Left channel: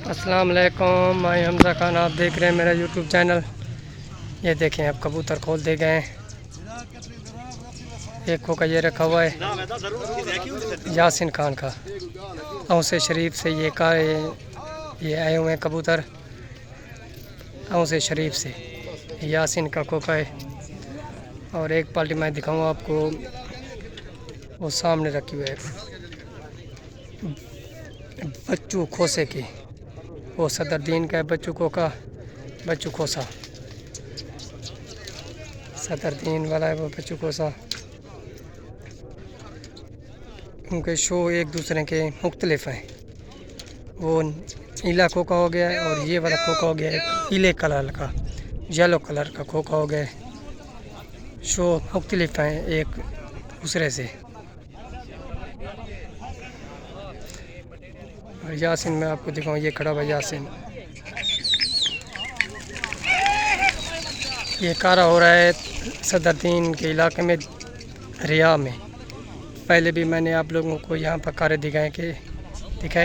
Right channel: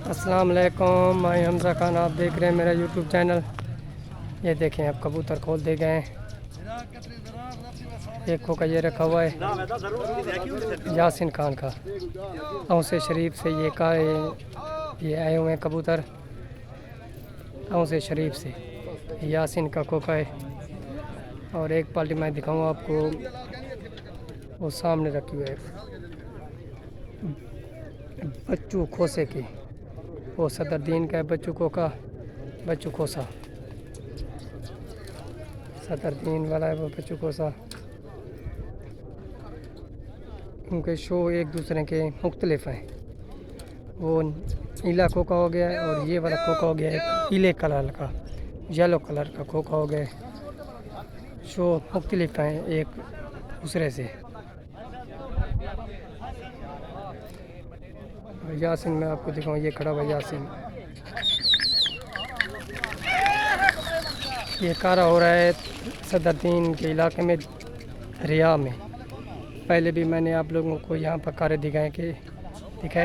अस्सलाम वालेकुम, मैं हमज़ा खान, आप देख रहे हैं मेरा यूट्यूब चैनल। ये देखें, अब कबूतर खोल दे गए हैं। एक खोका ये रखा हुआ है यासिन खान का, औसे शरीफ से ये आए हुए हैं कबूतर। औसे शरीफ से यासिन का खोका है। और एक पार्टी मैं दिखाऊंगा आपको, वो सामने रखी हुई है बच्चू खोसे की। वो सदरदीन का है बच्चू खोसा सदरदीन वाला है वो बच्चू खोसा। उनके शो एक दूसरे के मुख्तलिफ हैं। वो नीला खोखा हो गया है और ये वाला खोखा हो गया है पीले कलर का, येलो कलर का खोखा हो गया है। शो मुख्तलिफ हैं एक दूसरे से। और यासिन मैं आपको दिखाऊँ, ये खड़ा हुआ यासिन। ये कारा हो रहा है सदरदीन के इलाके में, रिया में। पहले भी मैंने आप लोगों को यहाँ पर कारे दिखाए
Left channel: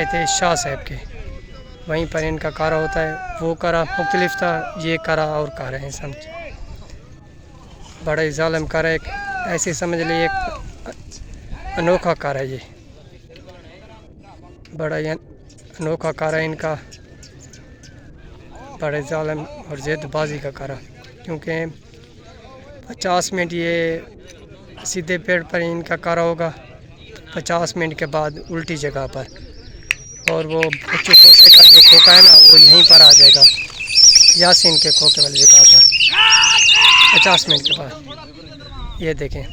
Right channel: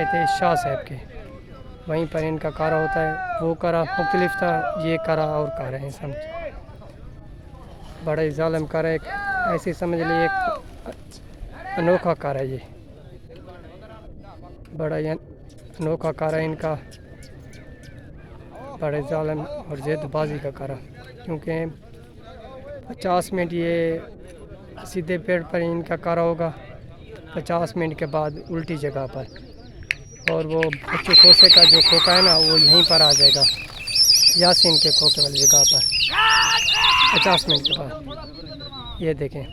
थे शाह साहब के। वहीं पर इनका कारा होता है। वो कारा मुख्तलिफ था, ये कारा और कारा है। समझ, बड़ा ही ज़ालिम कारा है। ऐसे समझ लीजिए एक अनोखा कारा है। ये बड़ा ही अनोखा कारा है इनका, बड़े ज़ालिम और ज़िद्दबाजी का कारा। क्योंकि 50 मिनट ये सीधे पेड़ पर इनका कारा होगा, 50 मिनट के बाद उल्टी जगह पर। और वो बच्चू खोसे का जो खोखा है ना, वो यहीं पर आ जाएगा यासिन के खोखे वाली जगह पर 50 मिनट के बाद। ये देखें,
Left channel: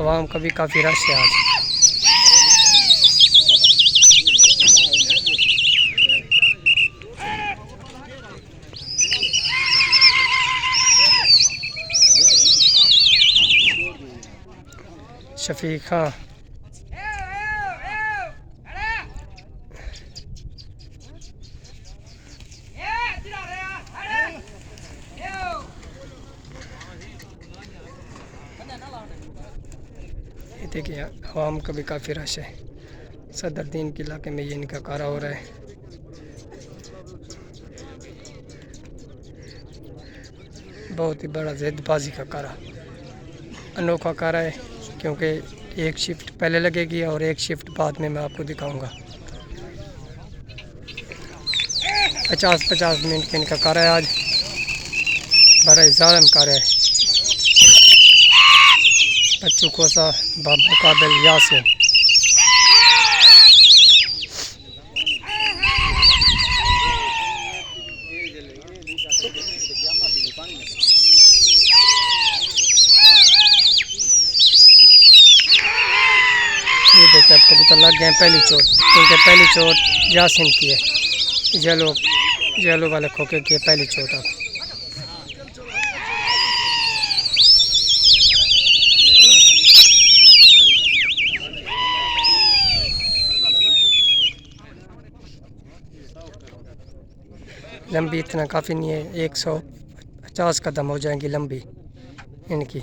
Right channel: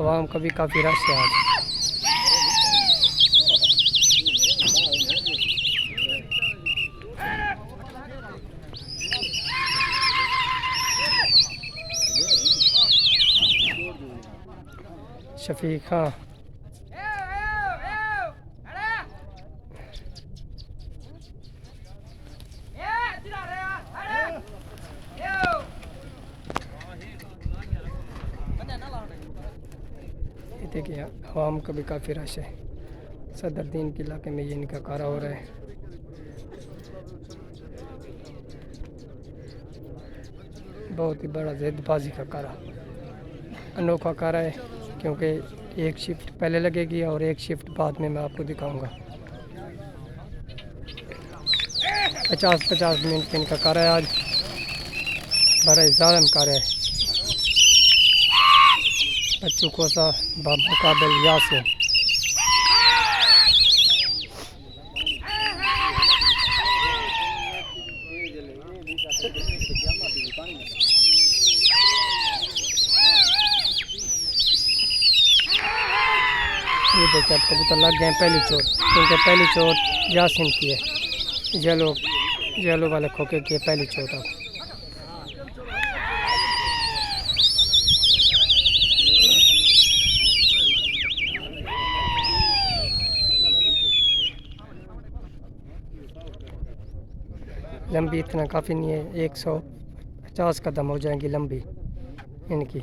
आवाम का भी काफ़ी रश है आज। शफीक हाँ, ये देखिए आवाम का भी काफ़ी रश है। सदरदीन के इलाके में ये इनका कारा हो रहा है। बहुत ही बड़ा ज़िद्दबाजी का कारा, अनोखा कारा है। क्योंकि एक शिफ्ट पहले लगेगी और एक शिफ्ट बाद में मैं आपको दिखाऊंगा। 50-50 मिनट का इनका कारा है आज। बड़ा ही ज़ालिम कारा है बच्चू खोसा मुकाबिल यासिन। ये देखिए, अब कबूतर लग गए हैं पहली चोट। क्योंकि पहली चोट यासिन की है, येलो वाले खोखे की है पहली चोट। अब लंबी इतना काफ़ी नहीं है, 150 कदम हो जाएंगी लंबी इनकी।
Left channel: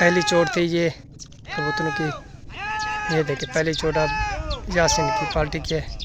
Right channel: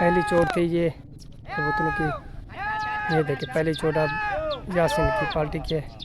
पहली चोट थी ये कबूतरों की। ये देखिए, पहली चोट अब यासिन की पार्टी की है।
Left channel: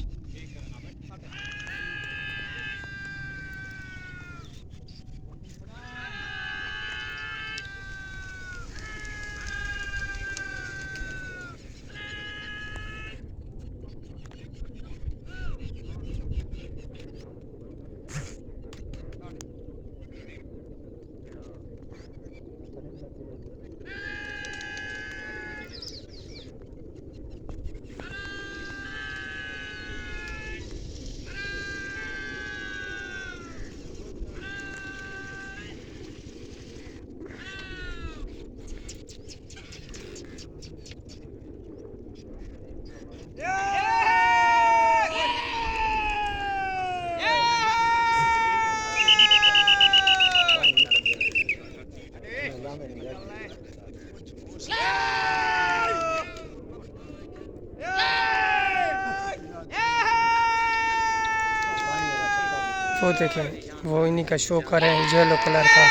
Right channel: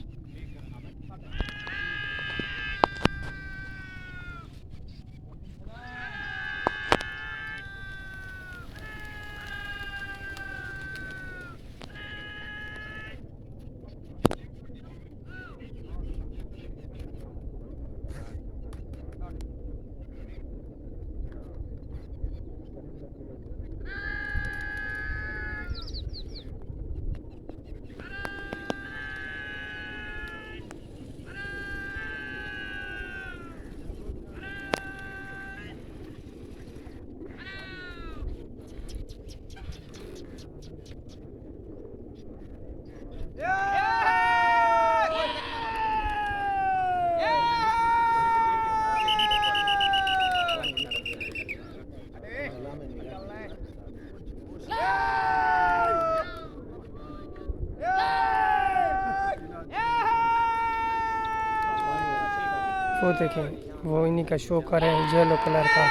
शो देखें, वो इन्हीं का शो कर रहे हैं येलो कलर का।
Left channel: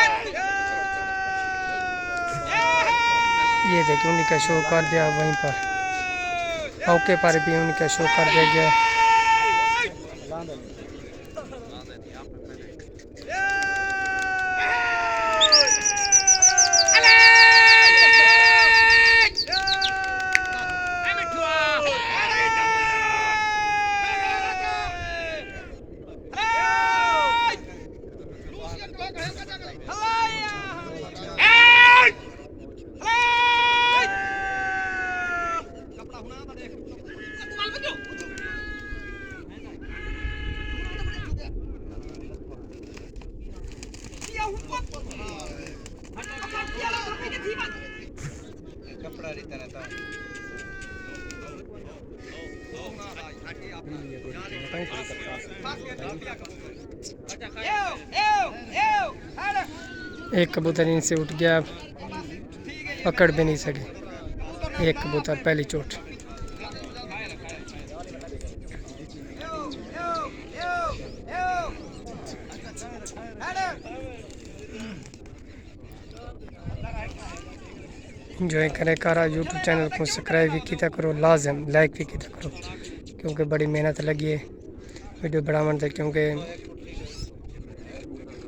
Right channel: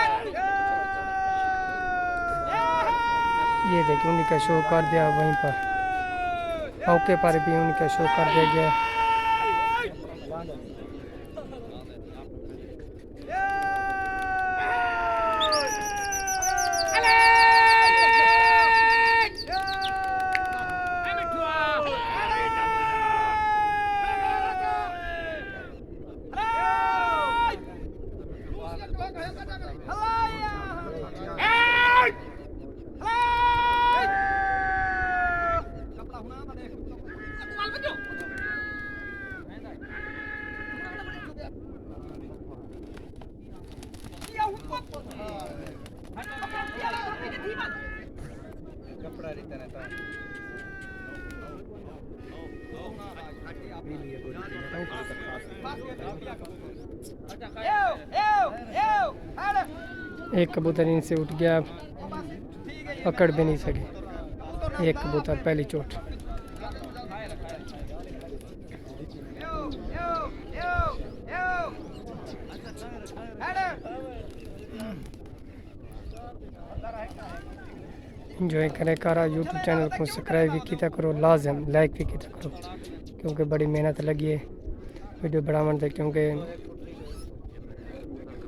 ये देखें उन्हीं का शो कर दिया वहीं पर, औके पर भी उनका शो कर दिया गया है। एक कबूतर इनसे उठ गया, पकड़ भी नहीं सके। एक कबूतर पहली चोट। इंजॉय करें कारा। यूट्यूब चैनल को सब्सक्राइब भी किया करो, लाजम लाइक भी किया करो, क्योंकि बड़ी मेहनत लगी है वीडियो बनाने से। क्योंकि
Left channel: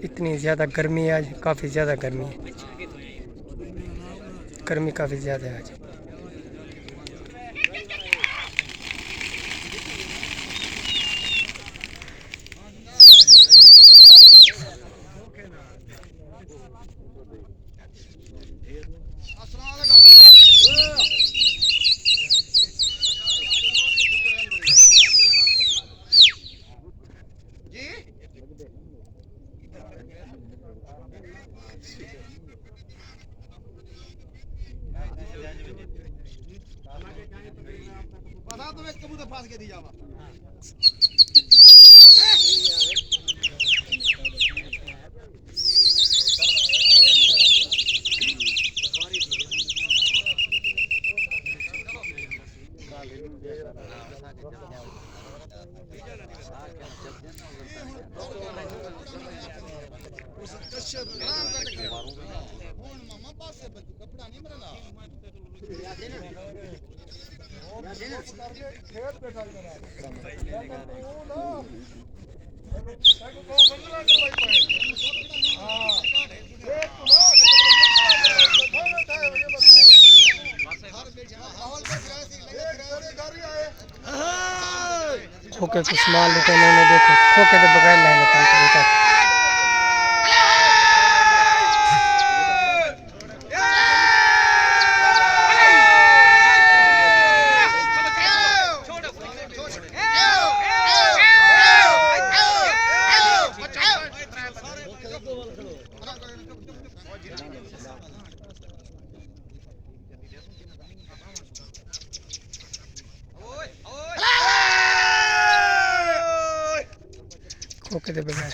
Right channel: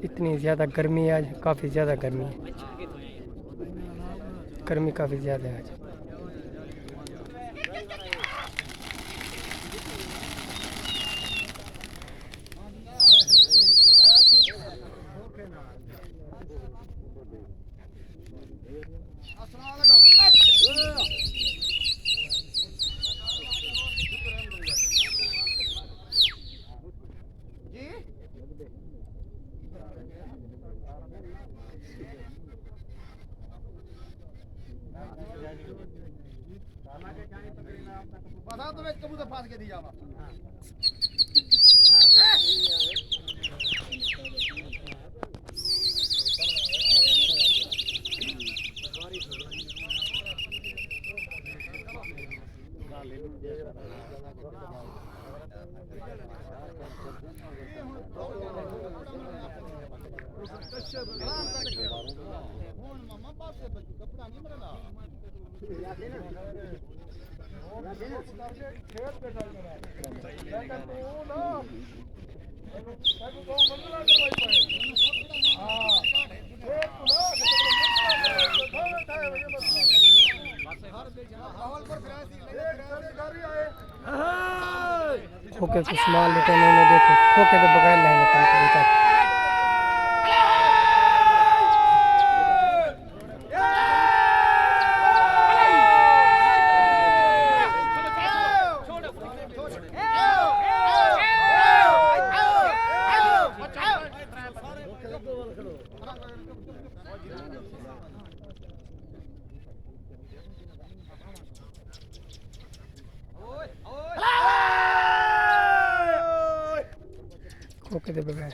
इतनी ज़्यादा गर्मी है आज, काफ़ी ज़्यादा गर्मी है, गर्मी काफ़ी ज़्यादा है आज। खोके कुछ माल लेते हैं उन्हें, देखो खोके तो बगैर लाए लेते हैं कबूतर। खोके तो बगैर।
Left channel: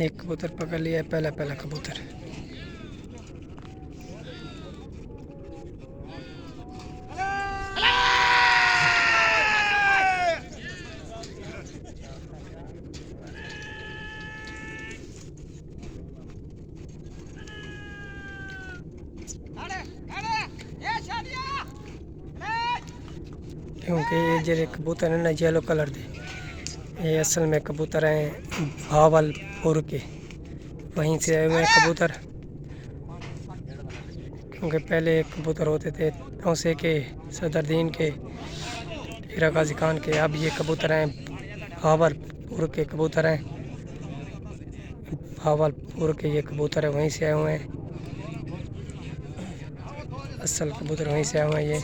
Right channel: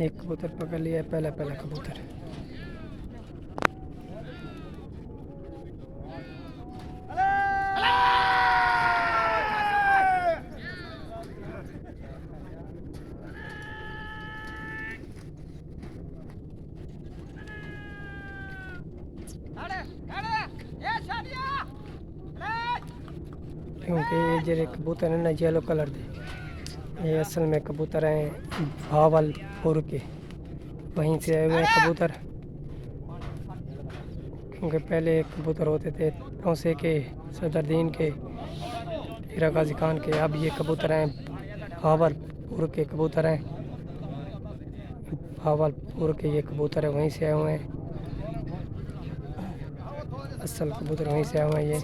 एक कबूतर पकड़ लिया है, पहला पहला कबूतर। क्योंकि ये जो कबूतर है ना येलो कलर दे, ये असल में कबूतर हैं भावलपुर के, वहीं से आए हुए हैं कबूतर। क्योंकि पहले कबूतर होते थे औसे के, सदरदीन के, हीरा गाजी खान के। अब ये कबूतर हैं भावलपुर के कबूतर हैं, भावलपुर के ये कबूतर है, वहीं से आए हुए हैं। असल कबूतर वहीं से आए हुए हैं ये।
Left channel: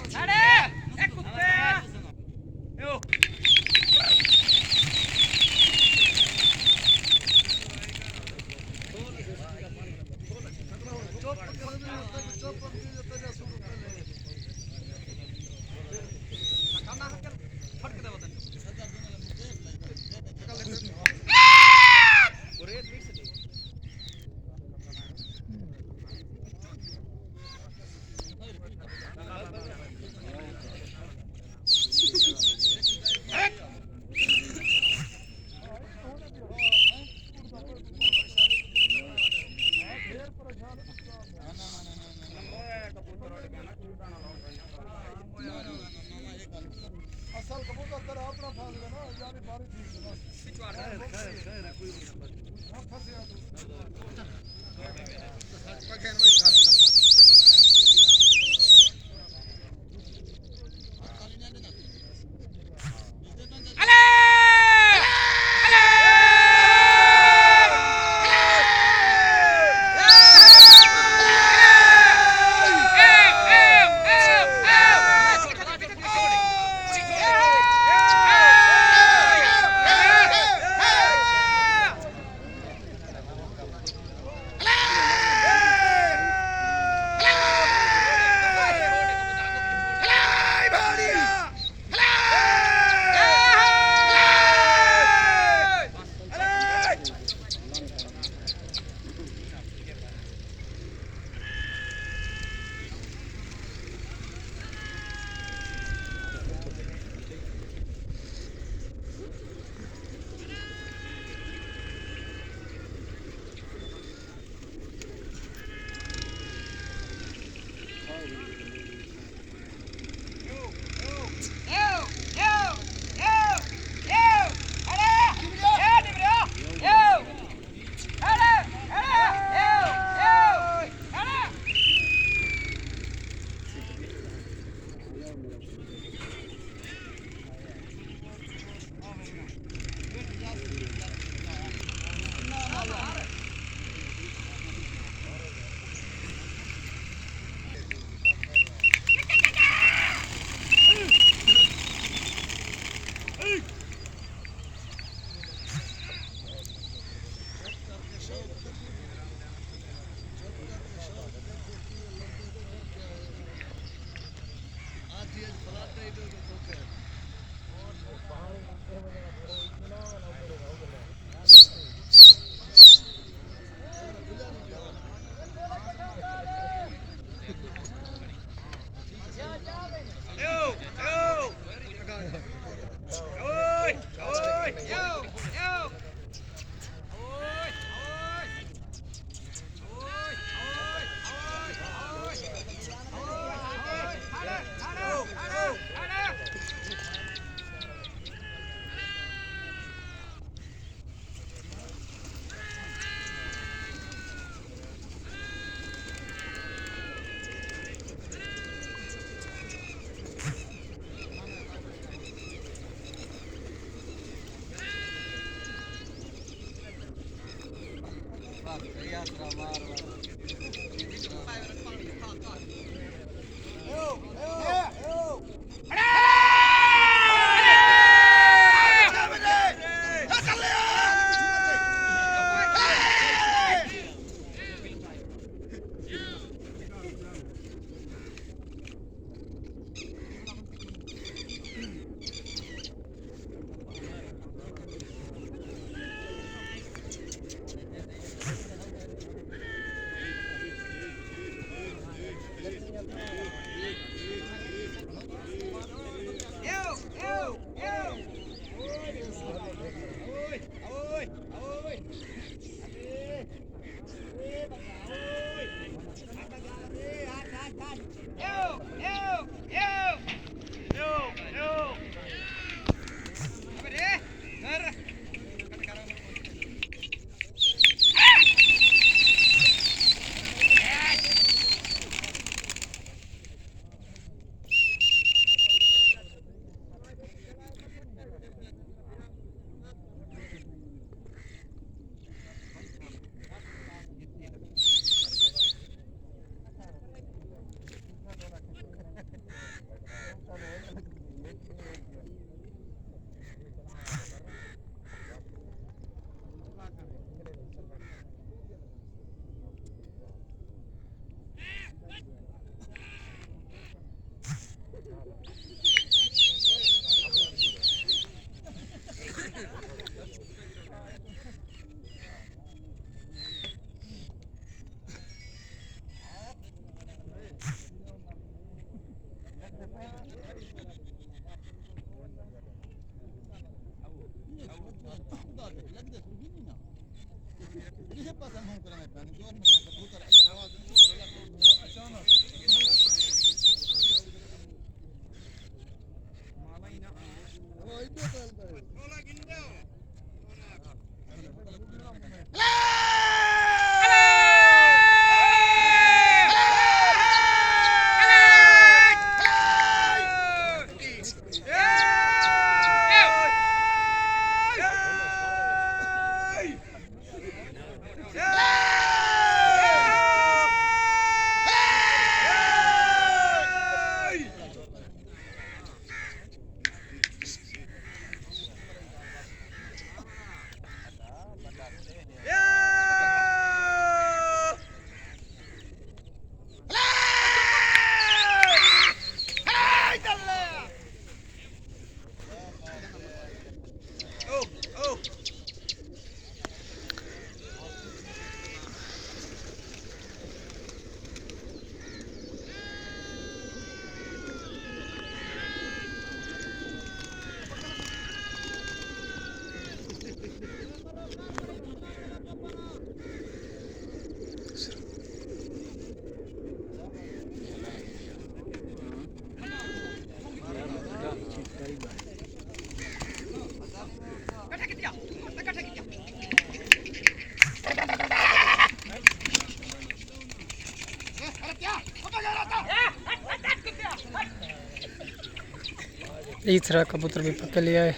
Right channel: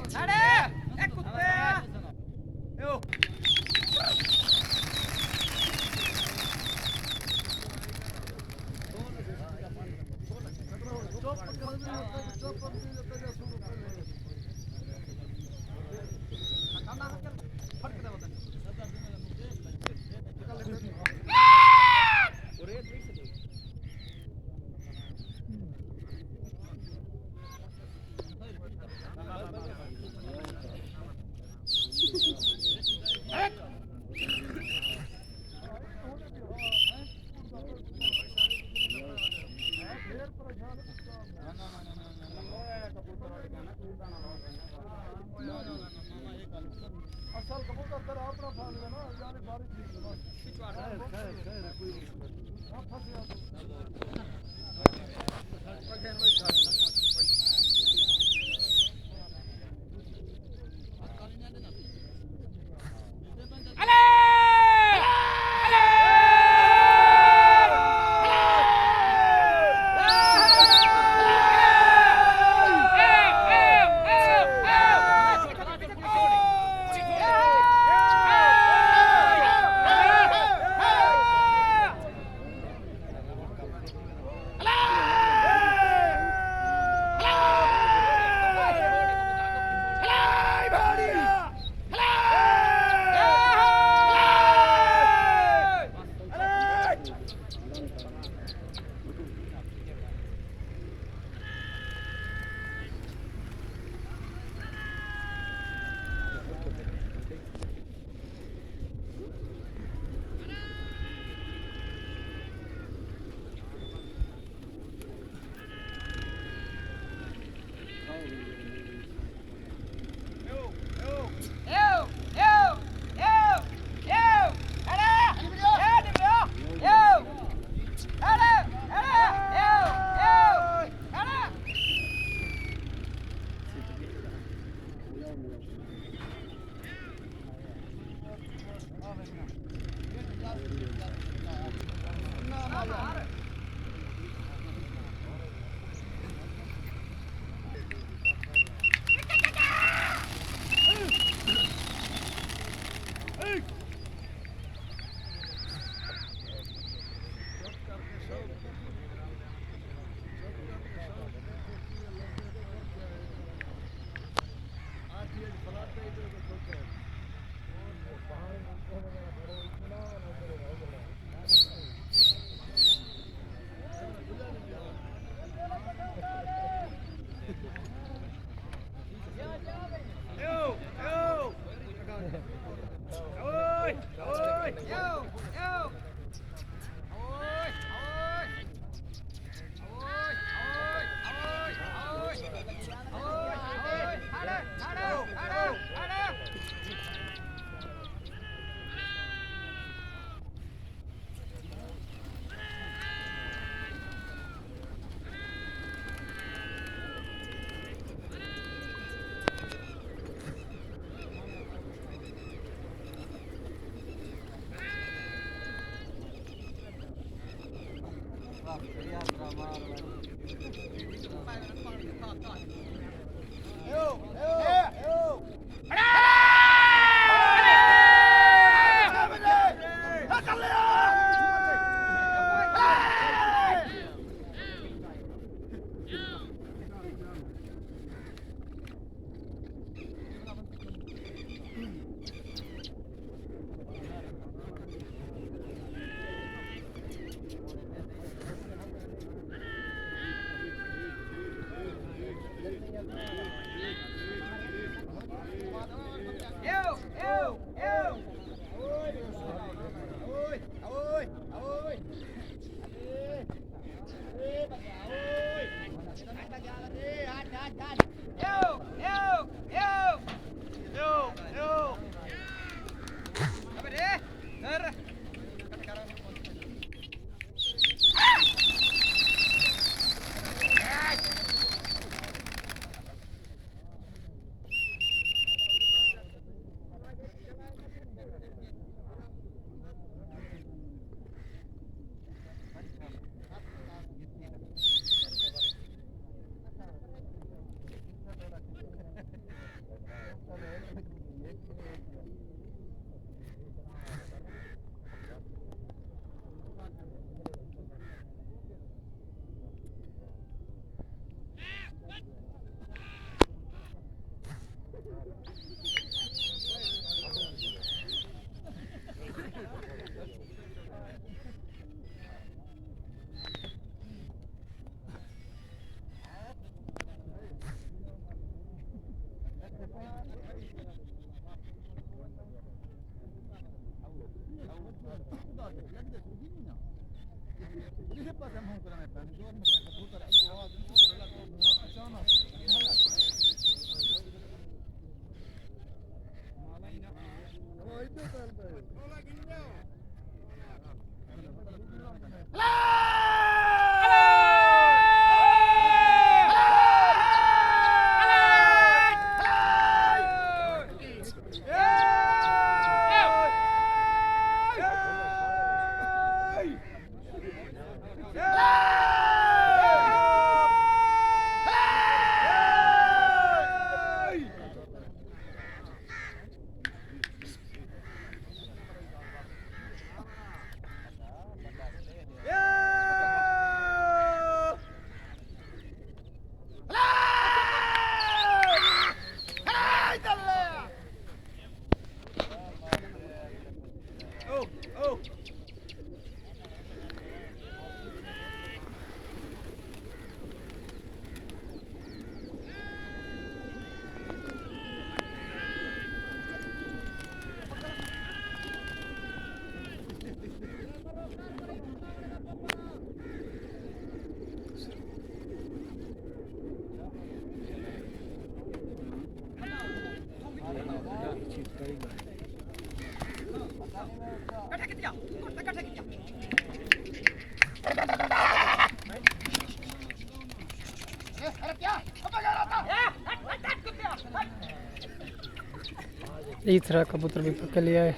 तीसरा कबूतर भी पकड़ लिया है।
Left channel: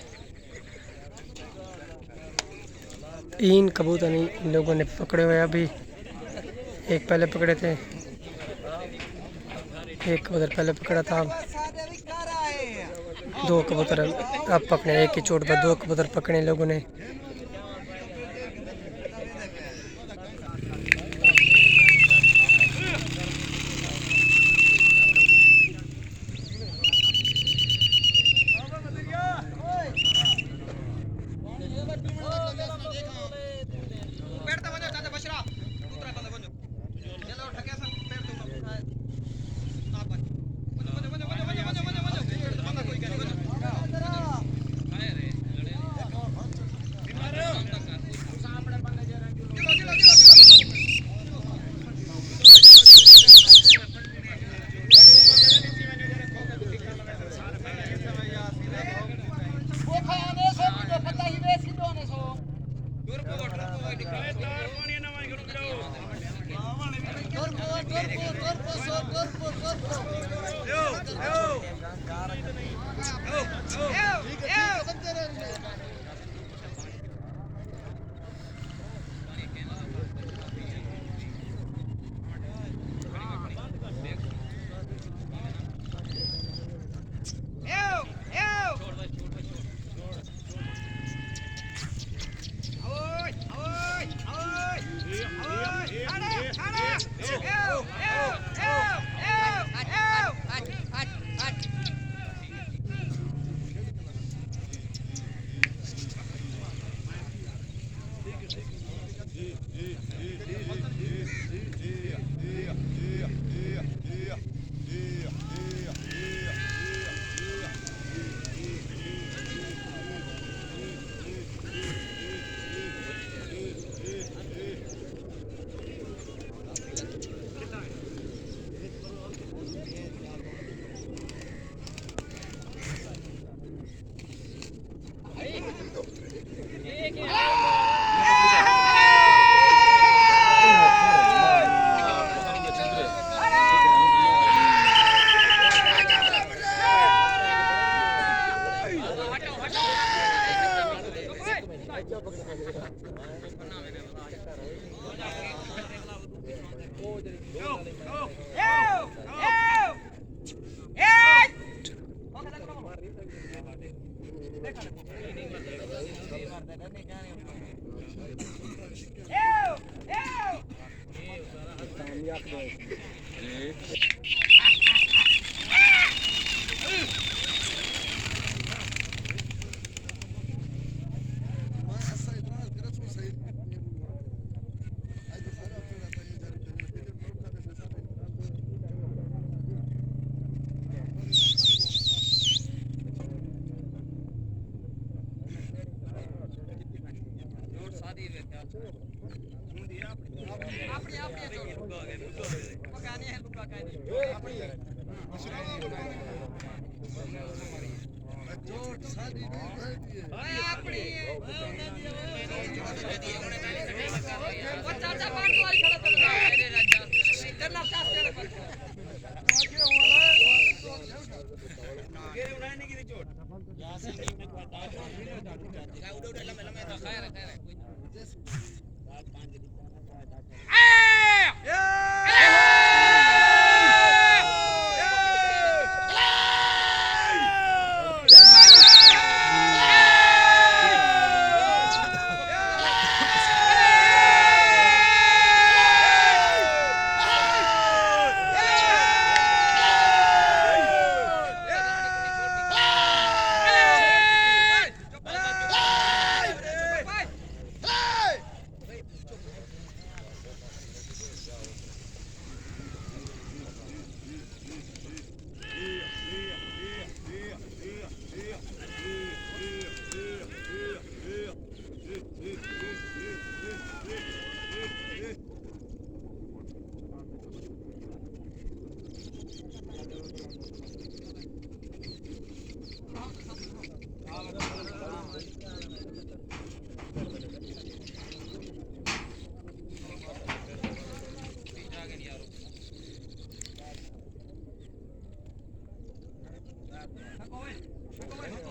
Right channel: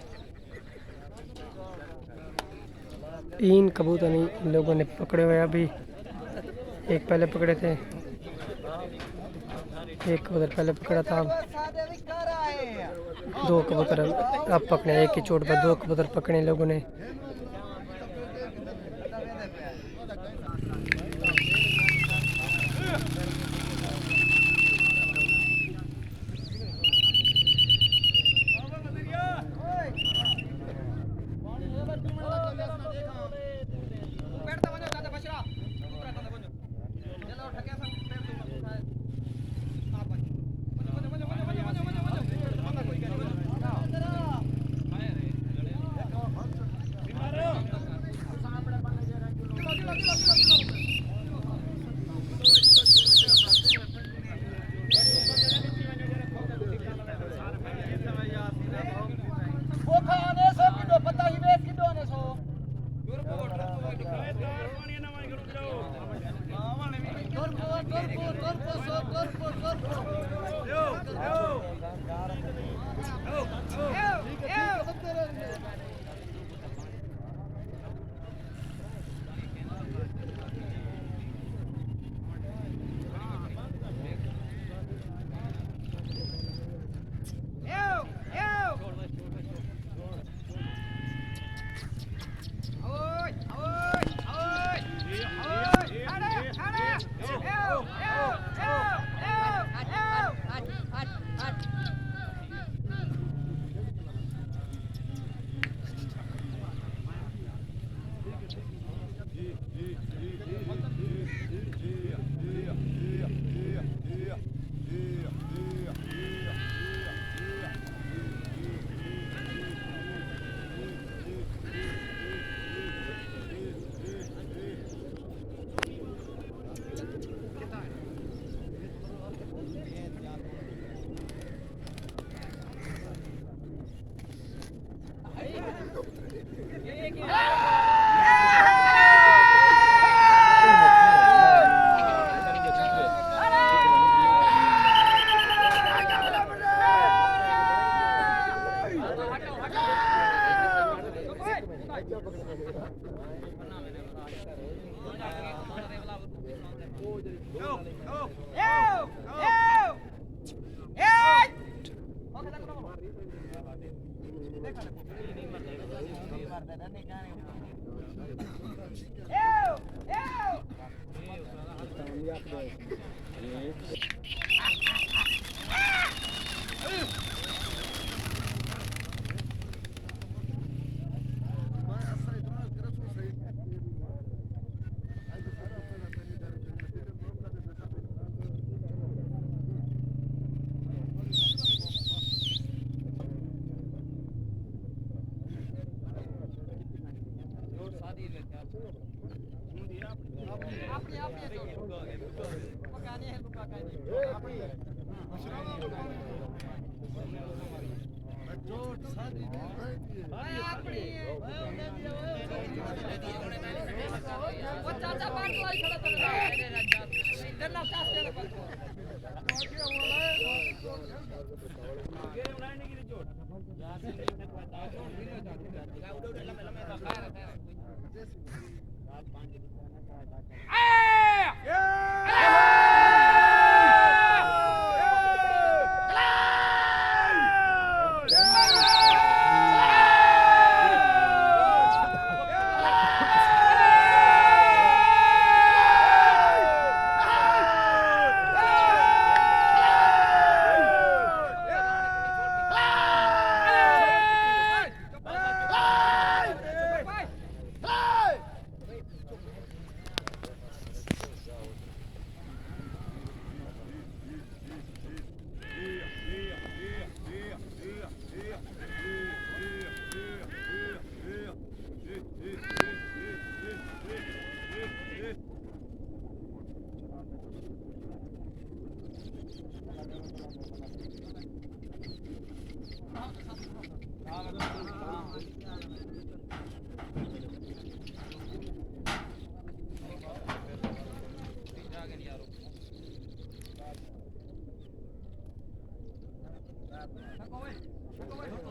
तीन कबूतर इन लोगों ने पकड़े हुए अभी। एक पहले पकड़े थे, एक कबूतर पहले पकड़ा था। अब दो कबूतर अब पकड़े, एक ही चोट पर दो कबूतर पकड़े इन लोगों ने।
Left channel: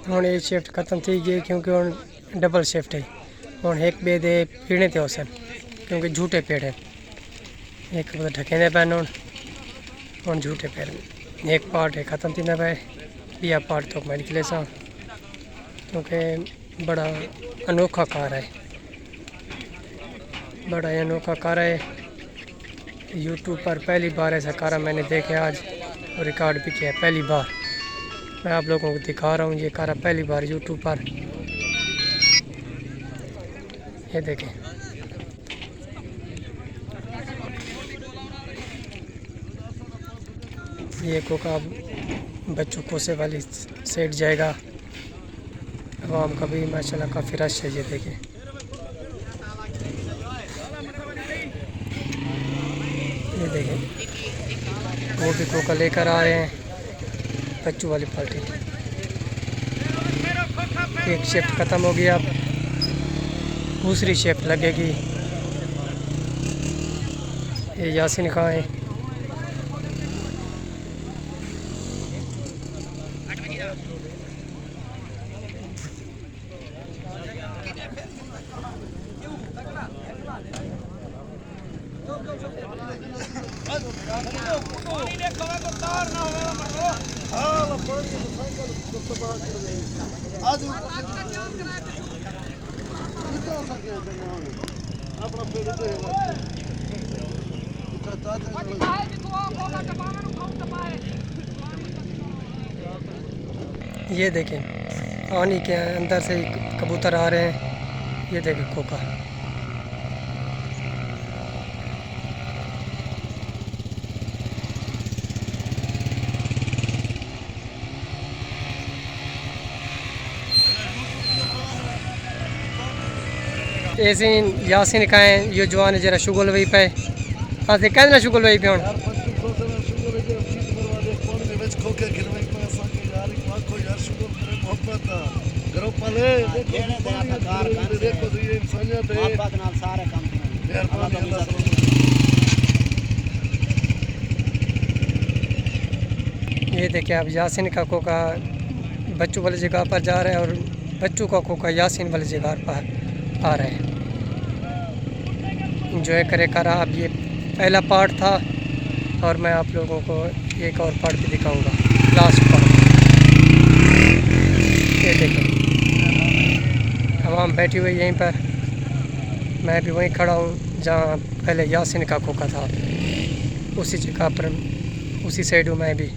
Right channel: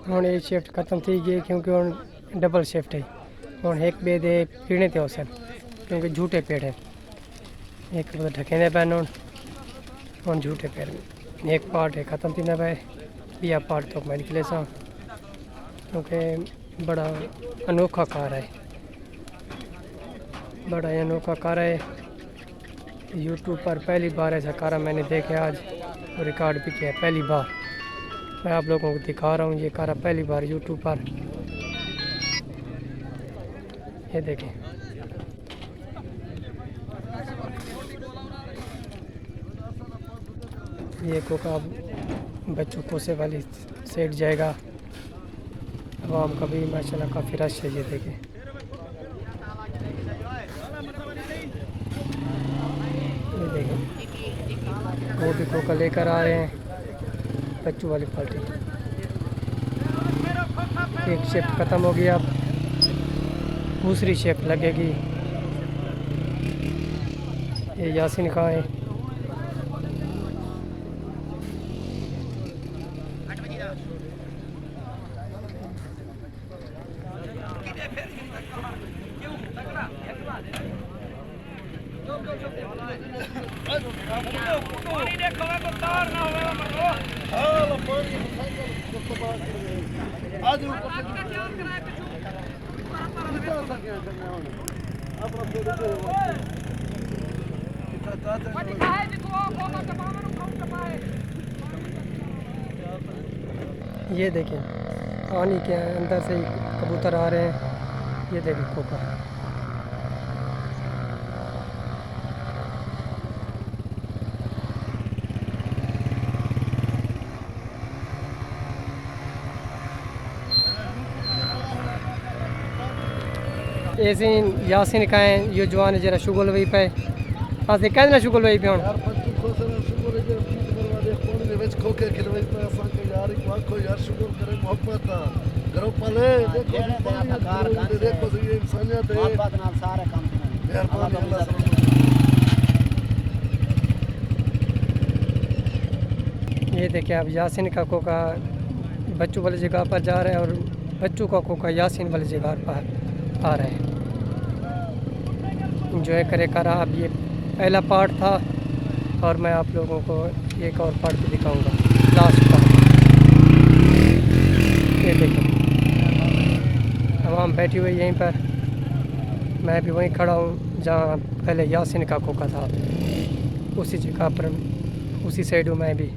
हुण ये शिफ्ट खत्म थी गई क्योंकि हुण डबल शिफ्ट है। हुण एक बे दे पीने ते होसन क्योंकि झूठे पेड़ हैं। एक मतलब ढकेंदे पैन हुण झूठे पेड़ एक पार्ट है खत्म थी पे बिया पार्ट तो मैं निकले सा क्योंकि बड़ा अनोखा कार है, बड़ा अनोखा कार है। यूट्यूब पर पहली बार ऐसा कार मैंने देखे आज और रिकॉर्ड भी किया पहली बार। मैं आप लोगों को दिखा रहा हूँ ये कार पहली बार यूट्यूब पर। ये देखें ये कोका बच्चों कोसे वाली सेट जाएगा। आवाम का भी माशाल्लाह काफ़ी रश है। ये देखें ये देखें वो भी कोका लेकर आ रहे हैं बच्चों वाली पार्टी। एक शिफ्ट ख़त्म हो गया, अब दूसरी शिफ्ट लगेगी। ये यासीन खां है। ये देखें पानी के अंदर से कबूतर आ रहे हैं। ये देखें कोका ऐसे यासीन खाएं यो जवान जरा शुगल वही पे आज कहना शुगल वही पे हूँ ये देखिए आप यासीन का कोका बच्चों वाली जगह पर जा रहे हैं और बच्चों का कोका यासीन वाली जगह पर आ रहे हैं। इंजॉय करे करा। अब ये पहला पार्ट था और मैं आप लोगों को एक और पार्ट भी दिखाऊंगा, लास्ट पार्ट। ये देखो आवाम बैठी हुई यहीं पर, मैं भी वहीं खड़ा हूँ जहाँ पहले यासिन का खोखा था, उसी जगह पर, उसी साइड हूँ मैं भी।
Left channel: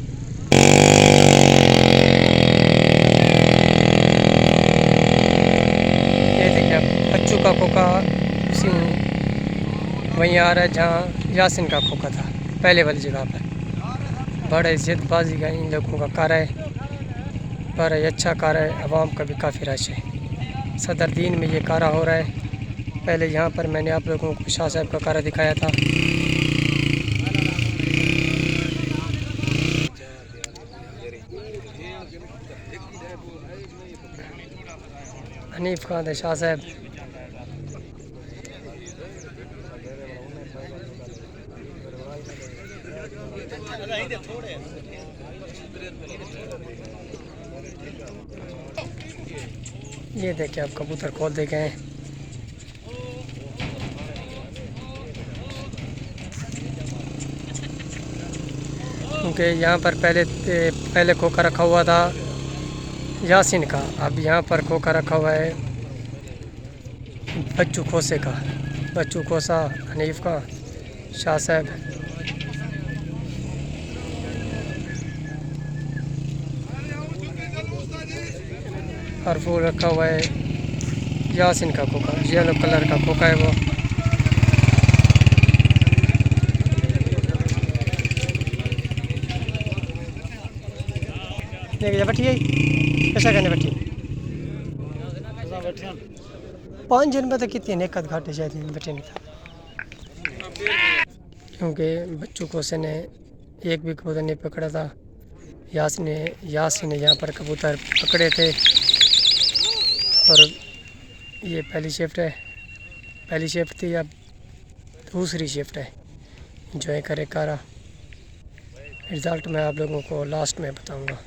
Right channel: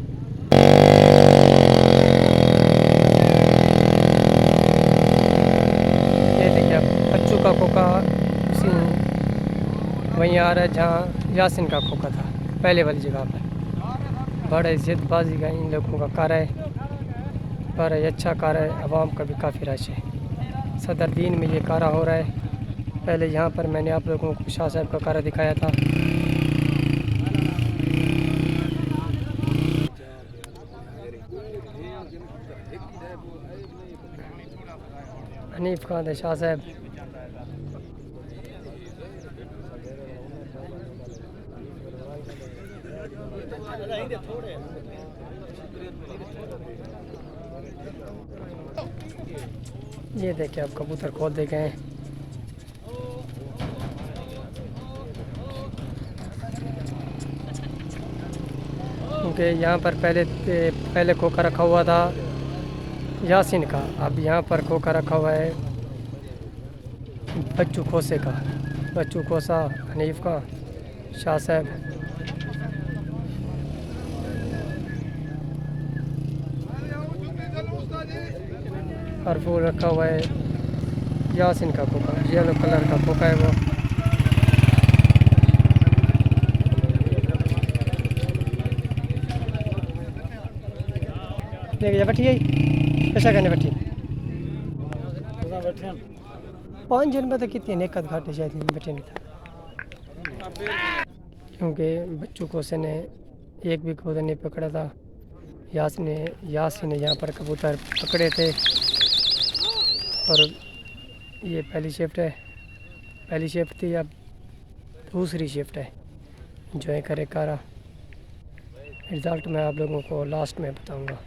ये देखिए बच्चों का खोखा उसी वहीं आ रहा है जहाँ यासिन का खोखा था, पहले वाली जगह पर। बड़ा इज्जतबाजी का इन लोगों का कार्य है, बड़ा ही अच्छा कार्य है, आवाम का भी काफ़ी रश है। सदर दीन में ये कार्य हो रहा है। पहले यहाँ पर मैंने आप लोगों को शाह साहब का कार्य दिखाया था। हनीफ खान थे शाह साहब। ये देखिए आप कबूतर खोल दे गए। क्योंकि यहाँ पर पहले खोखा रखा हुआ था यासिन का, अब यहाँ पर खोखा रखा हुआ है बच्चू खोसे का। बच्चू खोसा, हनीफ का, शाह साहब। और फूल रखा हुआ है यासिन का खोखा, येलो कलर का खोखा है वो। देखिए बैठी है कैसा करने बैठी 5 जन में तो कितनी नेकत घाटे शायद बैठे नहीं था, क्योंकि बच्चू खोसे ने एक भी कबूतर नहीं पकड़ा था। यासिन ने यहाँ पर कबूतर पकड़े थे। और ये पहली शिफ्ट है, पहली शिफ्ट थी, अब दूसरी शिफ्ट है। इंजॉय करे कारा। रिज़ल्ट मैं आप लोगों को लास्ट में बताऊंगा।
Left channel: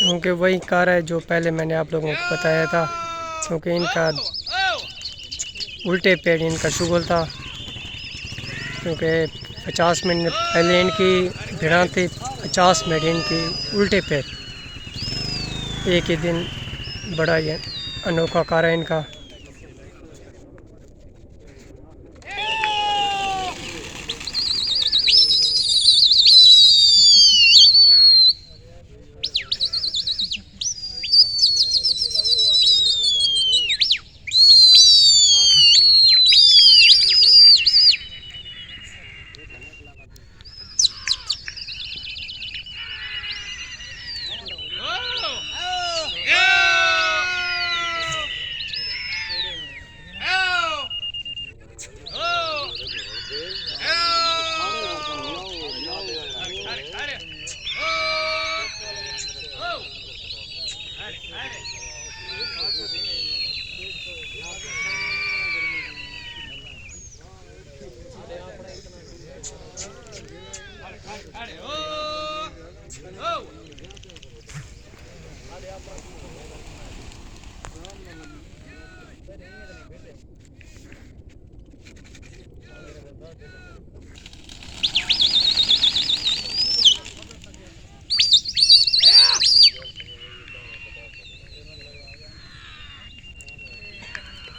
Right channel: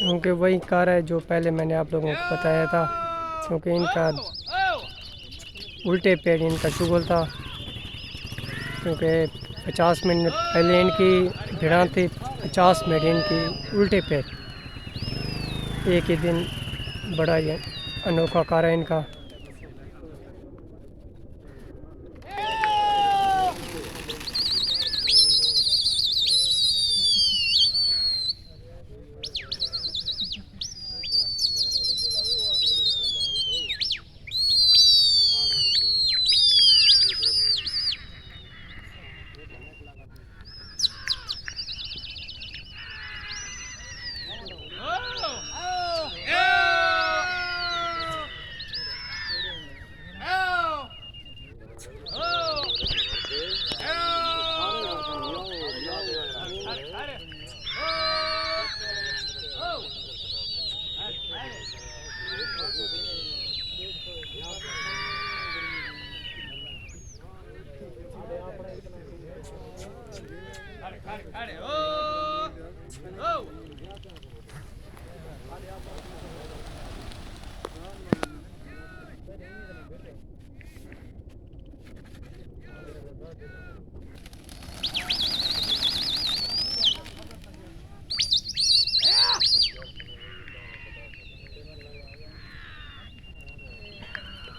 क्योंकि वही कार है जो पहले मैंने आप लोगों को बताया था, क्योंकि इनका उल्टे पैर इनका शुगल था। क्योंकि 50 मिनट पहले इनकी भिड़ा थी, 50 मिनट इनकी उल्टे पैर। एक ही दिन बड़ा ही अनोखा कार है इनका।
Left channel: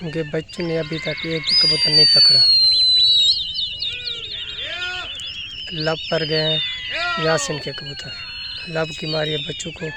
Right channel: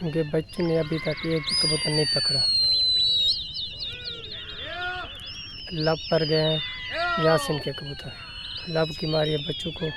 क्योंकि बच्चों ने अभी तक एक भी कबूतर नहीं पकड़ा। लब पर गए हैं यासिन के कबूतर, लब की मारी है बच्चों को।